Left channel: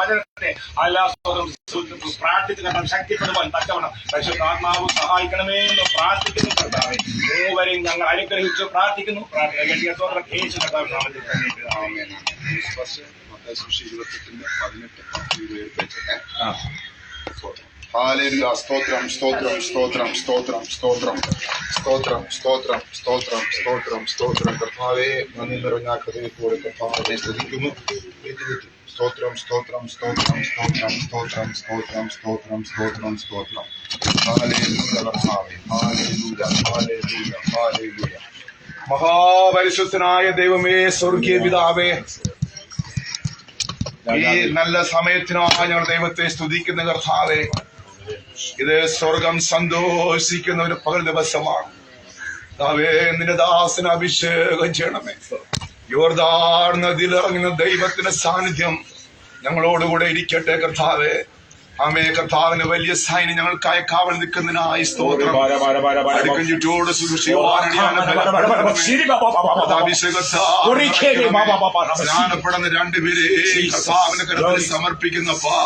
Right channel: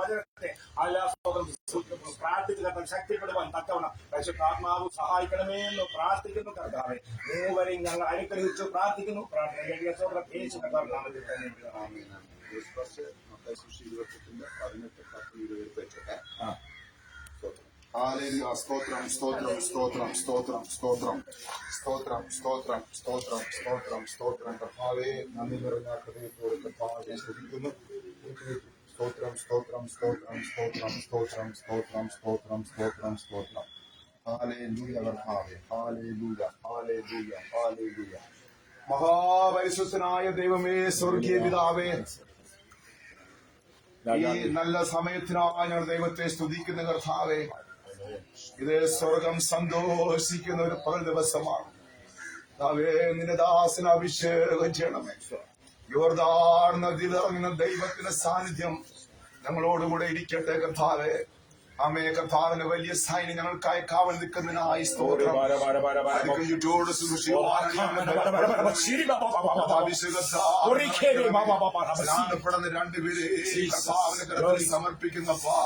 വചനത്തെ പ്രാർത്ഥിച്ച് കണ്ടാൽ ശക്തിപ്പെടുവാൻ തക്കവണ്ണം പരിശുദ്ധാത്മാവ് സഹായിക്കണമേ എന്ന് പ്രാർത്ഥിക്കുന്നു. കർത്താവേ, മൂവരെയും ഞങ്ങൾ അനുഗ്രഹിച്ചു പ്രാർത്ഥിക്കുന്നു. ഹല്ലേലൂയ. സ്തോത്രം സ്തോത്രം സ്തോത്രം സ്തോത്രം സ്തോത്രം സ്തോത്രം സ്തോത്രം സ്തോത്രം സ്തോത്രം സ്തോത്രം. കർത്താവേ, നന്ദി നിറഞ്ഞ ഹൃദയത്തോടെ കർത്താവിനെ സ്തുതിക്കുന്നു. സ്തോത്രം സ്തോത്രം സ്തോത്രം സ്തോത്രം സ്തോത്രം സ്തോത്രം സ്തോത്രം സ്തോത്രം സ്തോത്രം. ഹല്ലേലൂയ കർത്താവേ, ഹല്ലേലൂയ ഹല്ലേലൂയ ഹല്ലേലൂയ. മഹാപരിശുദ്ധനായ ദൈവമേ, സ്വർഗീയ പിതാവേ, ഈ നല്ല സമയത്തിനായി ഞങ്ങൾ ദൈവത്തെ സ്തുതിക്കുന്ന കർത്താവേ, ഇത് സ്വർഗം സന്തോഷിക്കുന്ന ഒരു പകൽ ദിവസമാണ്. നിന്റെ ദാസന് അഭിഷേകം ചെയ്യണമേ. യോർദാൻ നദിയിലിറങ്ങുന്ന ദൈവത്തിന്റെ സാന്നിധ്യം ഞങ്ങളോടുകൂടെ ഇരിക്കട്ടെ കർത്താവേ. ആമേ. കർത്താവിന് വലിയ സൈന്യം ഞങ്ങൾക്കായി കാവൽ നിൽക്കുന്നതിനായി സ്തോത്രം. ചുറ്റോട് സ്നാനപ്പെടുന്ന രണ്ടുപേരെ കർത്താവിന്റെ കരുത്തിൽ സമർപ്പിക്കുന്നപ്പാ.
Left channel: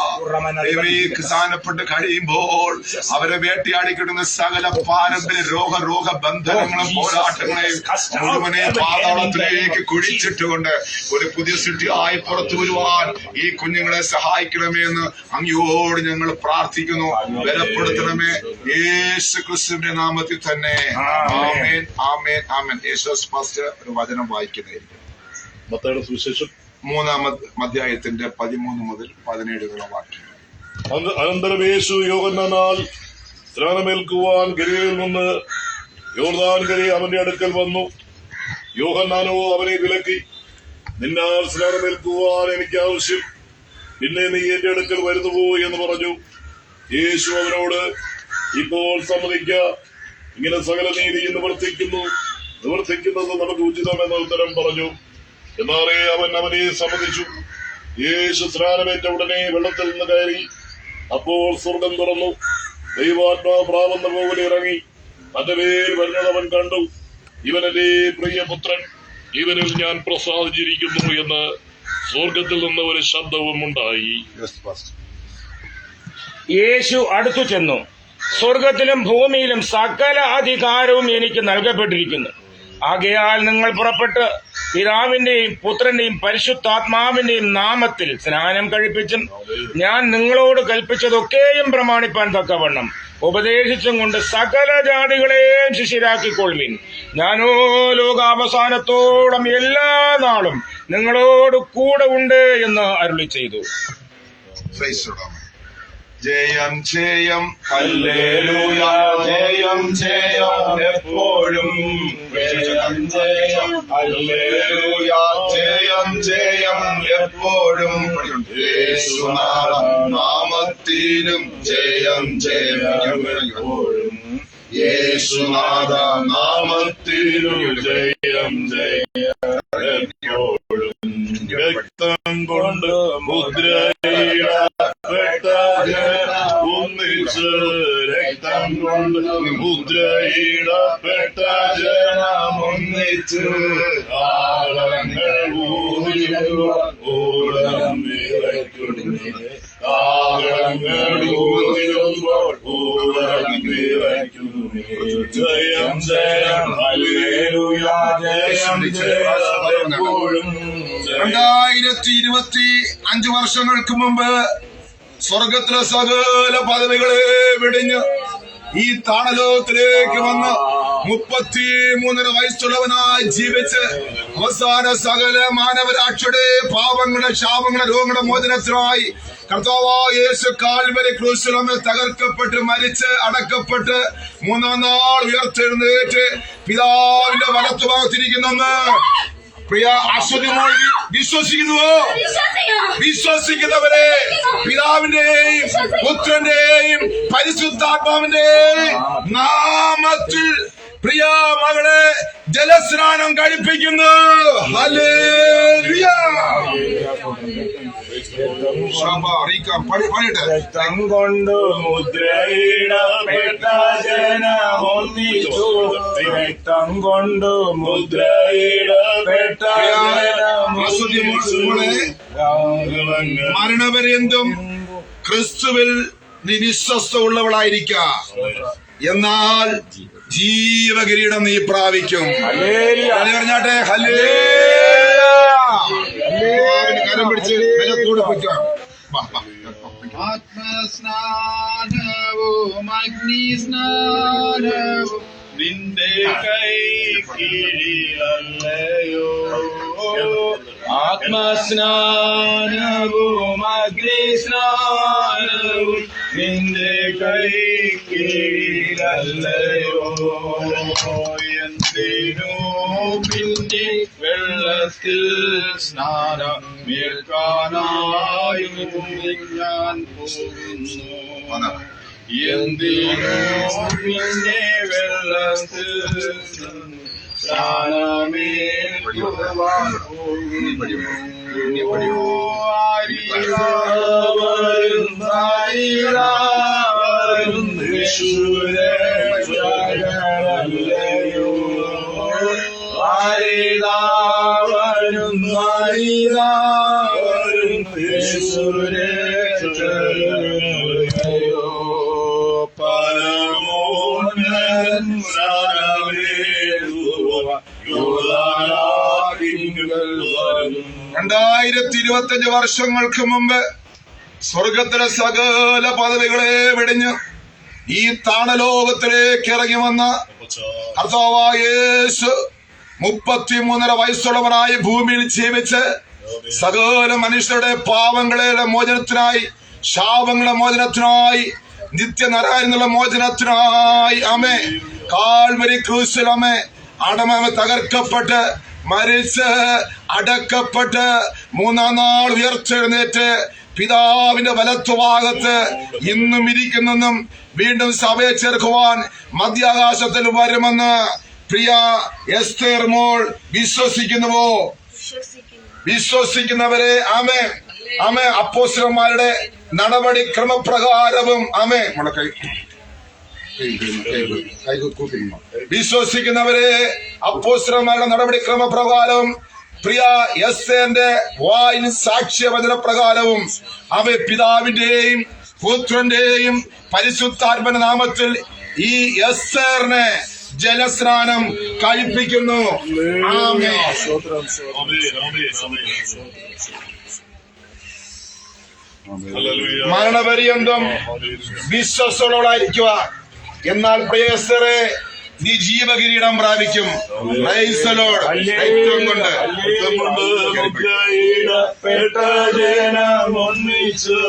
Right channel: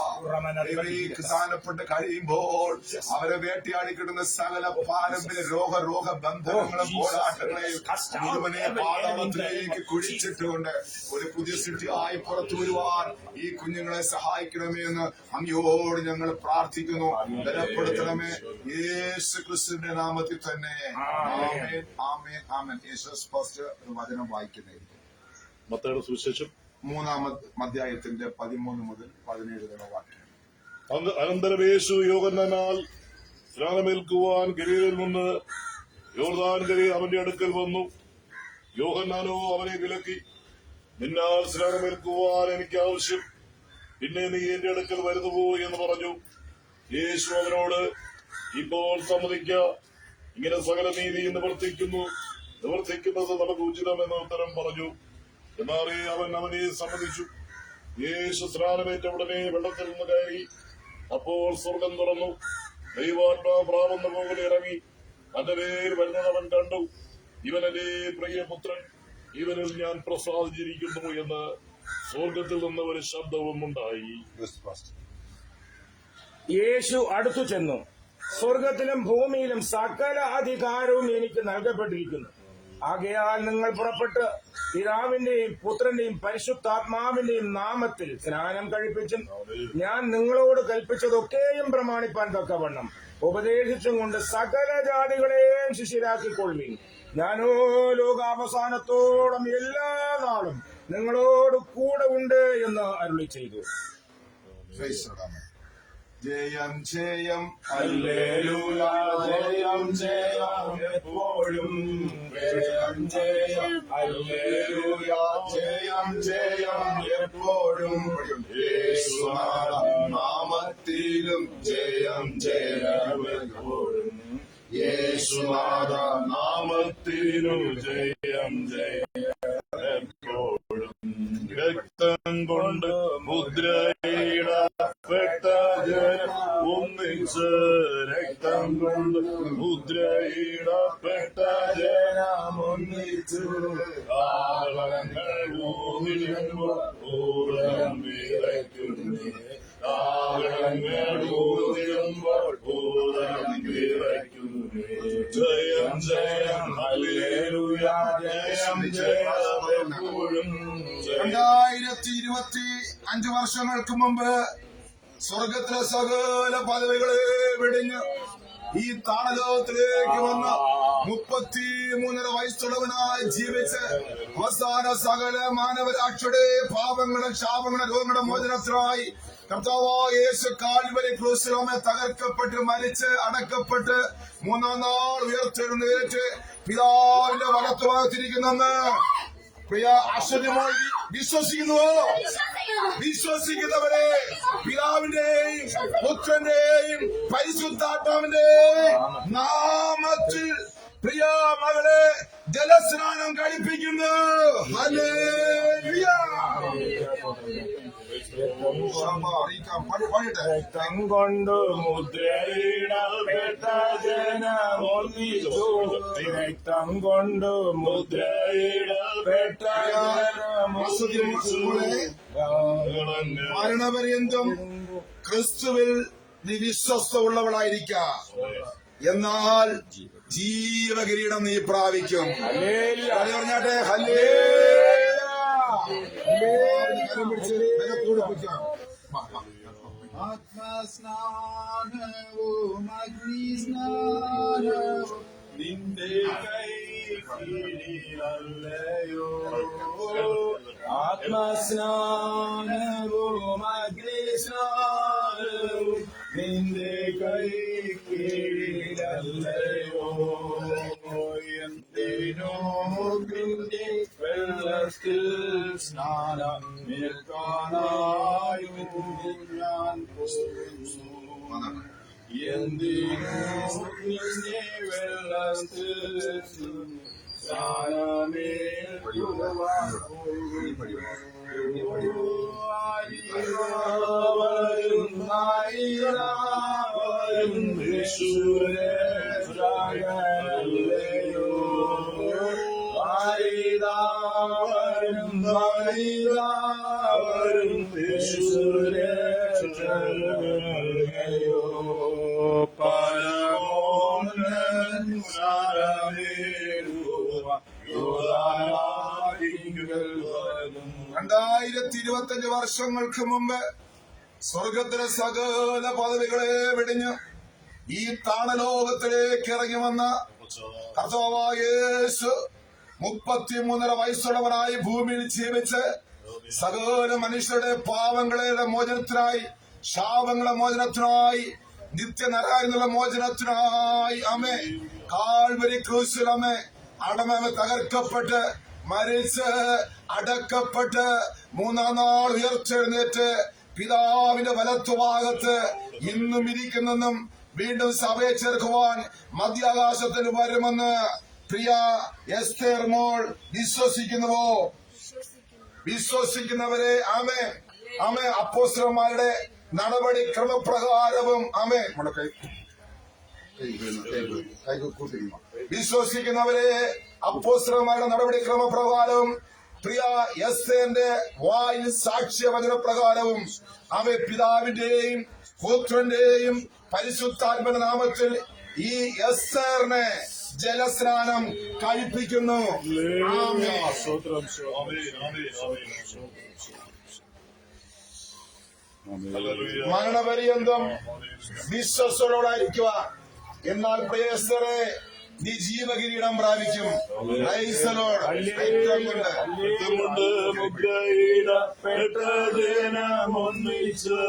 സ്നാനപ്പെട്ട് കഴിയുമ്പോൾ അവരെ വേട്ടയാടി കിട്ടുന്ന സകല പാരമ്പര്യ രോഗബന്ധനങ്ങളും പോരാട്ടങ്ങളെയും മുഴുവനെ പാതാളത്തിലേക്ക് കുഴിച്ചിട്ടുകൊണ്ട് ഒരു പുതിയ സൃഷ്ടിയായി പുറത്തു വരുവാൻ ഈ കുഞ്ഞുങ്ങളെ സഹായിക്കണമേ എന്ന് അങ്ങയോട് ഞങ്ങൾ പ്രാർത്ഥിക്കുന്നു. ബലപ്പെടുത്തണമേ യേശു ക്രിസ്തുവിന്റെ നാമത്തിൽ തന്നെ. ആമേൻ ആമേൻ ആമേൻ. യേശുസ് ഫസ്റ്റ് ഒരു വചനം വായിക്കുന്നതായിരിക്കും. മത്തായിയുടെ സുവിശേഷം 3-ാം അധ്യായത്തിന്റെ 13 മുതൽ 17 വാക്യം. അനന്തരം യേശു യോഹന്നാനാൽ സ്നാനമേൽക്കുവാൻ ഗലീലയിൽ നിന്ന് യോർദാൻ കരയെ അവന്റെ അടുക്കൽ വന്നു. യോഹന്നാനോ അവനെ വിലക്കി, നിന്നാൽ സ്നാനമേൽക്കുവാൻ എനിക്ക് ആവശ്യം, പിന്നെ നീ എന്റെ അടുക്കൽ വരുന്നുവോ എന്ന് പറഞ്ഞു. യേശു അവനോട്, ഇപ്പോൾ സമ്മതിക്ക, ഇങ്ങനെ സകല നീതി നിവർത്തിക്കുന്നത് നമുക്ക് ഉചിതമെന്ന ഉത്തരം പറഞ്ഞു. എന്നാലേ അവൻ അവനെ സമ്മതിച്ചു. യേശു സ്നാനമേറ്റ ഉടനെ വെള്ളത്തിൽ നിന്ന് കയറി. അപ്പോൾ സ്വർഗം തുറന്നു. ദൈവാത്മാവ് പ്രാവുന്ന പോലെ ഇറങ്ങി തന്റെ മേൽ വരുന്നത് അവൻ കണ്ടു. ഇവൻ എന്റെ പ്രിയപുത്രൻ, ഇവനിൽ ഞാൻ പ്രസാദിച്ചിരിക്കുന്നു എന്ന് സ്വർഗത്തിൽ നിന്ന് ഒരു ശബ്ദവും ഉണ്ടായി. യേശു അടുത്തു ചെന്നു, സ്വർഗത്തിലും ഭൂമിയിലും സകല അധികാരവും എനിക്ക് നൽകപ്പെട്ടിരിക്കുന്നു. ആകയാൽ നിങ്ങൾ പുറപ്പെട്ട് പിതാവിന്റെയും പുത്രന്റെയും പരിശുദ്ധാത്മാവിന്റെയും നാമത്തിൽ സ്നാനം കഴിപ്പിച്ചും ഞാൻ നിങ്ങളോട് കൽപ്പിച്ചതൊക്കെയും പ്രമാണിപ്പാൻ തക്കവണ്ണം ഉപദേശിച്ചും കൊണ്ട് സകല ജാതികളെയും ശിഷ്യരാക്കിക്കൊള്ളുവിൻ. ഞാനോ ലോകാവസാനത്തോളം എല്ലാ നാളും നിങ്ങളോട് കൂടെ ഉണ്ട് എന്ന് അരുളി ചെയ്തു. ജയം ജയം ഹല്ലേലൂയ, ജയം ജയം എപ്പോഴും, ജയം ജയം ഹല്ലേലൂയ, ജയം ജയം എപ്പോഴും, യേശുനാമത്തിലും ജയം ജയം എപ്പോഴും, യേശുനാഥ നാമത്തിലും ജയം ജയം എപ്പോഴും. രക്തം കൊണ്ട് മുദ്രയിടപ്പെട്ട ഒന്നിച്ച്, രക്തം കൊണ്ട് മുദ്രയിടപ്പെട്ട ജനം ഒന്നിച്ച്, ആളങ്ങൾ ഊതിടുമ്പോൾ വിറയ്ക്കുന്നു, ആളങ്ങൾ ഊതിടുമ്പോൾ വിറയ്ക്കുന്നു. ജയം ജയം ഹല്ലേലൂയ, ജയം ജയം എപ്പോഴും. 2025 വർഷങ്ങൾക്ക് മുമ്പ് സ്വർഗത്തിലെ സകല പദവികളെ വെടിഞ്ഞ് ഈ താണലോകത്തിലേക്ക് വന്ന് 33 വയസ്സുള്ളവനായി ജീവിച്ച് അവസാന സകല മാനവരാക്ഷയുടെ പാപങ്ങളുടെ ശാപങ്ങളുടെ രോഗങ്ങളുടെ മോചനത്തിനായി കർത്താവായ യേശു കാൽവരി ക്രൂശിൽ തകർക്കപ്പെട്ട് മരിച്ച് അടക്കപ്പെട്ട് 3-ാം നാൾ ഉയർത്തെഴുന്നേറ്റ് പിതാവിന്റെ വലത്തുഭാഗത്തിരിക്കുന്നെന്ന് പ്രിയ അശ്വതിമോൾ വിശ്വസിക്കുന്നുവോ? വിശ്വസിക്കുന്നവരെ പിതാവിന്റെയും പുത്രന്റെയും പരിശുദ്ധാത്മാവിന്റെയും നാമത്തിൽ പ്രിയ മകളെ ജലസ്നാനം കഴിപ്പിക്കുന്നു. ഹല്ലേലൂയ. പാടിട്ടെ. രക്തം കൊണ്ടു മുദ്രയിടപ്പെട്ട ജനമൊന്നിച്ചു, രക്തം കൊണ്ടു മുദ്രയിടപ്പെട്ട ജനമൊന്നിച്ചു. മരണപര്യന്തം ക്രിസ്തുവിൽ നീ വിശ്വസ്ത ഉള്ളവളായിരിക്ക, എന്നാൽ ജീവകിരീടം നീ പ്രാപിക്കും. പറഞ്ഞാട്ടെ ഹല്ലേലൂയ. കരം പിടിച്ച് ബലത്തോടെ പൊയ്ക്കാം. ആത്മസ്നാനവും അഗ്നിസ്നാനവും നിന്റെ കൈ കീഴിലല്ലയോ, ആത്മസ്നാനവും അഗ്നിസ്നാനവും നിന്റെ കൈ കീഴിലല്ലയോ. എന്തിനു പിന്നെ വെള്ളത്തിൽ സ്നാനം മേൽക്കാനായും ഞാൻ പോകുന്നു, എന്തിനു പിന്നെ വെള്ളത്തിൽ സ്നാനമേൽക്കുവാൻ പോകുന്നു. $2025 വർഷങ്ങൾക്ക് മുമ്പ് സ്വർഗത്തിലെ സകല പദവികളെ വെടിഞ്ഞ് ഈ താണലോകത്തിലേക്ക് ഇറങ്ങി വന്ന കർത്താവായ യേശു 33.5 വയസ്സുള്ളവനായി ഭൂമിയിൽ ജീവിച്ച് സകല മനുഷ്യരുടെ പാവങ്ങളുടെ മോചനത്തിനായി, ശാപങ്ങളുടെ മോചനത്തിനായി, നിത്യനരായനുള്ള മോചനത്തിനായി അമേ കാൽവരി ക്രൂശിൽ അമേ അടമ തകർക്കപ്പെട്ട് മരിച്ച് അടക്കപ്പെട്ട് 3-ാം നാൾ ഉയർത്തെഴുന്നേറ്റ് പിതാവിന്റെ വലത്തുഭാഗത്ത് ഇന്നും ഇരിക്കുന്നെന്നും വീണ്ടും സഭയെ ചേർക്കുവാൻ മധ്യാകാശത്തിൽ വരുമെന്ന് പ്രിയ എസ്തേർ മോൾ വിശ്വസിക്കുന്നുവോ? വിശ്വസിക്കുന്നവരെ ആമേ ആമേ അപ്പോസ്തലന്മാരുടെ നടപടി ക്രമപ്രകാരവും ആമേ വിശ്വസിക്കുന്നവരെ അപ്പോസ്തലന്മാരുടെ നടപടി ക്രമപ്രകാരം പ്രിയ എസ്തേറിന്റെ വായിൻ സാക്ഷ്യവചന പ്രകാരവും അവ പിതാവിന്റെയും പുത്രന്റെയും പരിശുദ്ധാത്മന നാമത്തിൽ ഈ എസ്തേറിനെ ജലസ്നാനം കഴിപ്പിക്കുന്നു. ആമേൻ. മരണപര്യന്തം വിശ്വസ്തയോടായിരിക്കുക, എന്നാൽ പ്രിയ എസ്തേറേ നീ ജീവകിരീടം പ്രാപിക്കും. രക്തം കൊണ്ട് ജനമൊന്നിച്ചു,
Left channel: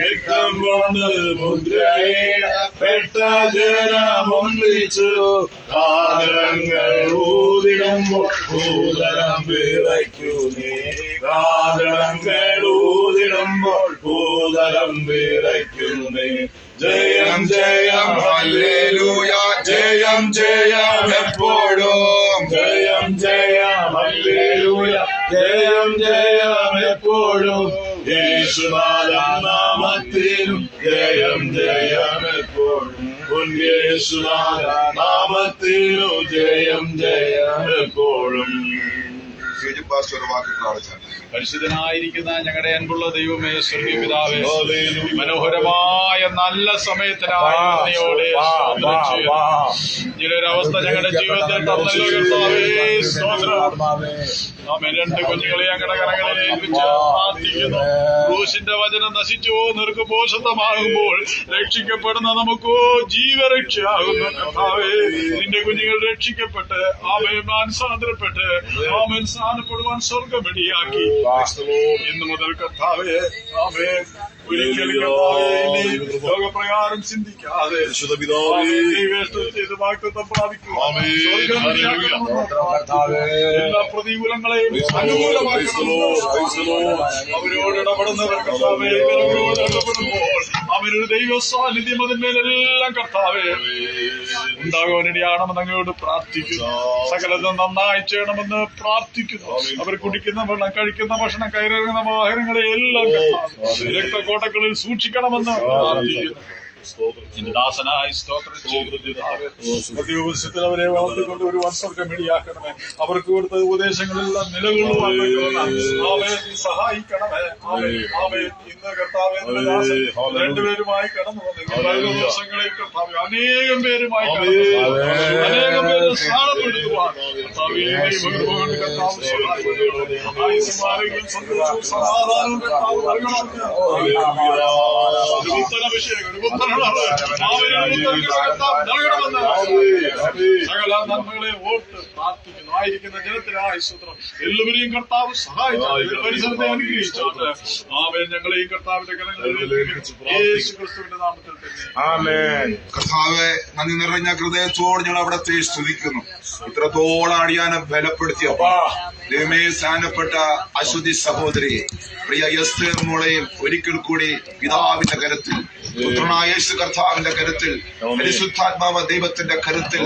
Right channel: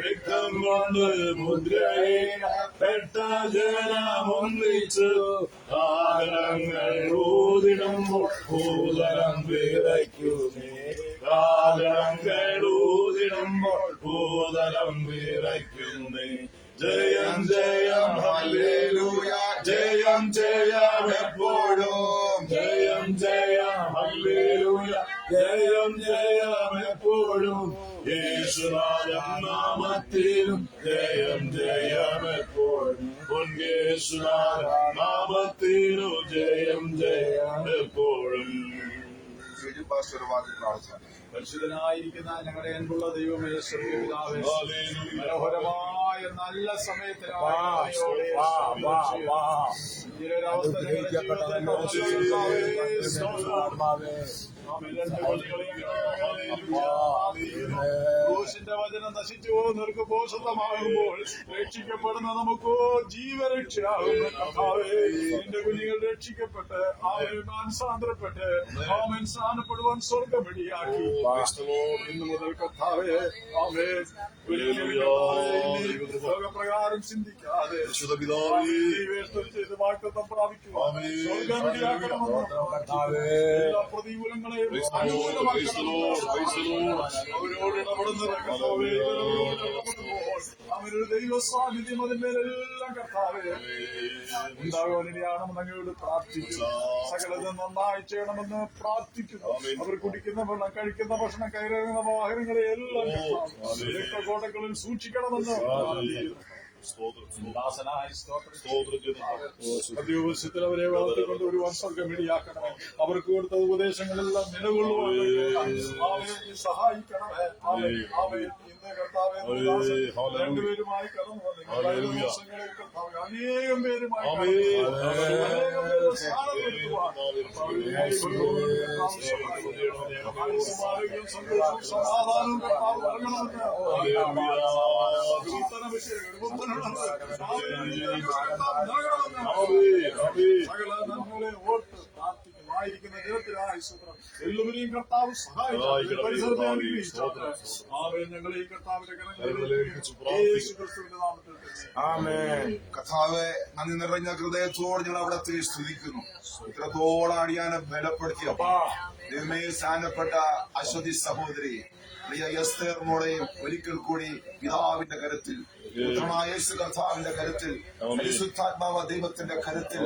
രക്തം കൊണ്ട് മുദ്രയിടപ്പെട്ട ജനമൊന്നിച്ചു, കാതരങ്ങൾ ഊതിടുമ്പോൾ ഭൂതലം വിറയ്ക്കുന്നേ, കാതരങ്ങൾ ഊതിടുമ്പോൾ ഭൂതലം വിറയ്ക്കുന്നേ. ജയം ജയം ഹല്ലേലൂയ, ജയം ജയം എപ്പോഴും, ജയം ജയം ഹല്ലേലൂയ, ജയം ജയം എപ്പോഴും, യേശുനാഥൻ നാമത്തിലും ജയം ജയം എപ്പോഴും, യേശുനാഥൻ നാമത്തിലും ജയം ജയം എപ്പോഴും. പരിശുദ്ധനായിരിക്കുന്ന ഞങ്ങളുടെ അൻപുള്ള ദൈവമേ, സ്വർഗ്ഗീയ പിതാവേ, മനോഹരമായ നല്ല സമയത്തിനായി ഇങ്ങനൊരവസ്ഥ ഞങ്ങളുടെ ജീവിതത്തിൽ തന്നല്ലോ കർത്താവേ. നാം 2 കുഞ്ഞുങ്ങളെ ഞങ്ങളുടെ കരങ്ങളിൽ ഏൽപ്പിച്ച് പ്രാർത്ഥിക്കുന്നു. ക്രൂശിന്റെ വചനം നശിച്ചോ നിർക്കുപോഷത്തമാകുമ്പോൾ രക്ഷിക്കപ്പെടുന്ന നമുക്കോ ജീവരക്ഷയാകുന്നു കർത്താവേ. നിന്റെ കുഞ്ഞുങ്ങൾ രക്ഷിക്കപ്പെട്ട് ആമേൻ മാനസാന്തരപ്പെട്ട് ആമേൻ സ്ഥാനപ്പെടുവാൻ സ്വർഗം ഇടിയാക്കി ഇന്നു മുതൽ കർത്താവേ ആമേൻ ലോകപ്രകാരം ചിന്തിക്കാതെ ചെയ്ത് വാഗ്ദത്തം പ്രാപിക്കുക. എല്ലാ പ്രതികൂലങ്ങളെയും അനുകൂലമാക്കി അവരോട് ഇടപെടുന്നവർ കർത്താവേ അവരോട് ഇടപെടുമ്പോൾ അവരൊരു ദൈവ സാന്നിധ്യം അതിന്മേലെല്ലാം കർത്താവേ ഉണ്ടാകുവാനിടയാണെന്ന് അങ്ങയോട് പ്രാർത്ഥിക്കുന്നു. സകലതും നന്നായി ചെയ്യണമെന്ന് പ്രാർത്ഥിക്കുന്നു. അവർ കുടിക്കുന്ന വെള്ളം, കഴിക്കുന്ന ഭക്ഷണം, കയറിയിറങ്ങുന്ന വാഹനങ്ങളെ എല്ലാം രക്തക്കോട്ടകളിൽ സൂക്ഷിക്കണമെന്ന് പ്രാർത്ഥിക്കുന്നു. ദാസനായി സ്തോത്രം അവരെ വളർത്തിക്കൊണ്ട് ഒരു വർഷമിടിയാക്കണമേ. അവർക്ക് കൊടുത്ത ഉപദേശങ്ങളെല്ലാം നിലകൊള്ളുവാൻ സഹായിക്കണമേ. ഇന്ന് കർത്താവേ രണ്ടുപേരുമായി കടന്നു വന്നു ദിവസങ്ങളിൽ കർത്താവേ അനേകം പേരുമായി അനേകം പേര് സ്ഥാനപ്പെടുത്തുവാൻ കർത്താവ് സഹായിക്കും. സന്തോഷവും സമാധാനവും കർത്താവ് നൽകണമെന്ന് സകല നന്മകളെ ഓർത്ത് പ്രാർത്ഥിക്കുന്നു. ആയിരിക്കുന്ന ജനത്തിനായി സ്തോത്രം. എല്ലാവരെയും കർത്താവ് സഹായിച്ചു, പരിസരത്തെ അനുഗ്രഹിച്ചോട്ടെ. ആമേൻ. ഞങ്ങളെ ഈ കർത്താവിന്റെ കരങ്ങളിൽ യേശു ക്രിസ്തുവിന്റെ നാമത്തിൽ തന്നെ. കർത്താവെ, നന്ദി നിറഞ്ഞ ഹൃദയത്തോട് ഞങ്ങൾ അവിടത്തെ സ്തുതിക്കുന്നു. ഇത്രത്തോളം അടിയാനെ ബലപ്പെടുത്തിയപ്പോ ദൈവമേ, സ്ഥാനപ്പെട്ട അശ്വതി സഹോദരി പ്രിയ എസ്തേർ മോളെയും ഒരിക്കൽ കൂടി പിതാവിന്റെ കരത്തിൽ, പുത്രനായ യേശു കർത്താവിന്റെ കരുത്തിൽ, പരിശുദ്ധാത്മാവ് ദൈവത്തിന്റെ കരുത്തിൽ,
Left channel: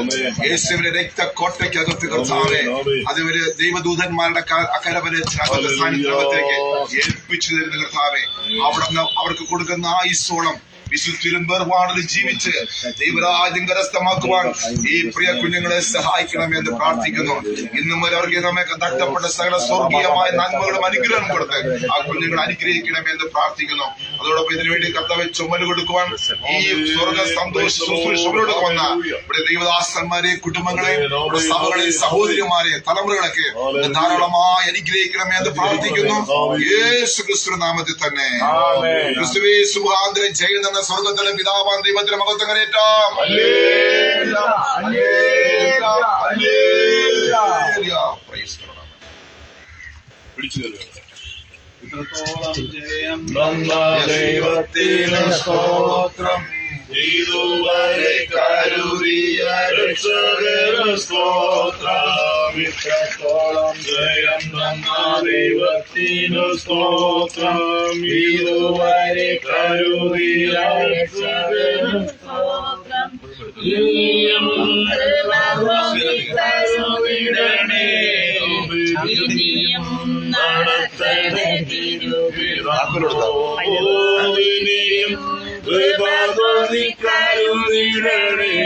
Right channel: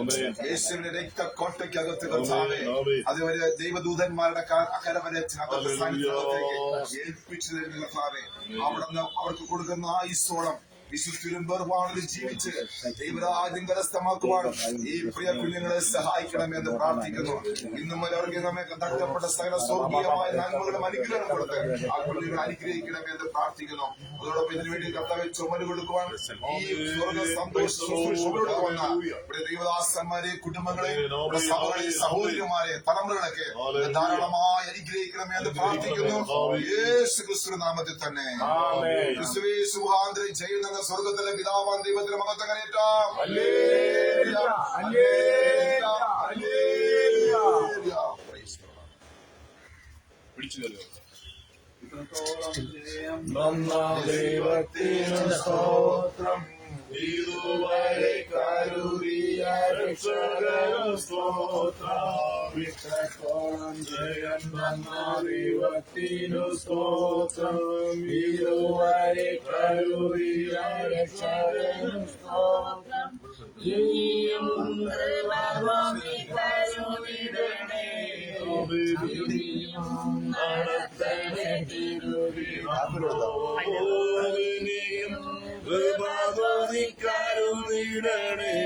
യേശുവിന്റെ രക്തക്കോട്ടയ്ക്കകത്ത് കർത്താവെ അതുവരെ ദൈവദൂതന്മാരുടെ അക്കരവരത്തിന്റെ സാന്നിധ്യത്തിലേക്ക് ഏൽപ്പിച്ചു തരുന്ന കർത്താവെ, അവിടുന്ന് അവർക്ക് കൊടുക്കുന്ന ആയുസ്സോളം വിശുദ്ധിലും വേർപാടിൽ ജീവിച്ച് ദൈവരാജ്യം കരസ്ഥമാക്കുവാൻ ഈ പ്രിയ കുഞ്ഞുങ്ങളെ സഹായിക്കണമെന്ന് പ്രാർത്ഥിക്കുന്നു. ഇന്നും അവർക്ക് നമ്മെ നഷ്ടപ്പെട്ട സകല സ്വർഗീയമായ നന്മകളും അനുഗ്രഹം കൊടുത്ത് ആ കുഞ്ഞുങ്ങളെ അനുഗ്രഹിക്കണമെന്ന് പ്രാർത്ഥിക്കുന്നു. അതോടൊപ്പം ഇതിനുവേണ്ടി കർത്താവെ ചുമല് കൊടുക്കുവാൻ ഈ സ്വർഗ സന്തോഷ ശുശ്രൂഷകളോട് വന്ന ഇവിടെ ദൈവദാസന്മാരെ, കുടുംബങ്ങളെ, സഭകളെ, സഹോദരിമാരെ, തലമുറകളൊക്കെ ധാരാളമായി അനുഗ്രഹിക്കണമെന്ന് പ്രാർത്ഥിക്കുന്നു. യേശു ക്രിസ്തു നാമത്തിൽ തന്നെ. ക്രിസ്തുവേ സുഖാന്തരം ചെയ്യുന്ന സ്വർഗത്തിലെ പിതാവാൻ ദൈവത്തിന്റെ മഹത്വം കരേറ്റാം. ദൈവത്തിന് സ്തോത്രം. ഇതുവരെ കരുതിയ രക്ഷകന് സ്തോത്രം. ഇത്രത്തോളം ജയം തന്ന ദൈവത്തിന് സ്തോത്രം. ഇതുവരെ കരുതിയ രക്ഷകന് സ്തോത്രം. ഇനിയും കരുതിടണേ. ഇനിയും നടത്തണേ തിരുവിതാ. കരുതിടണേ.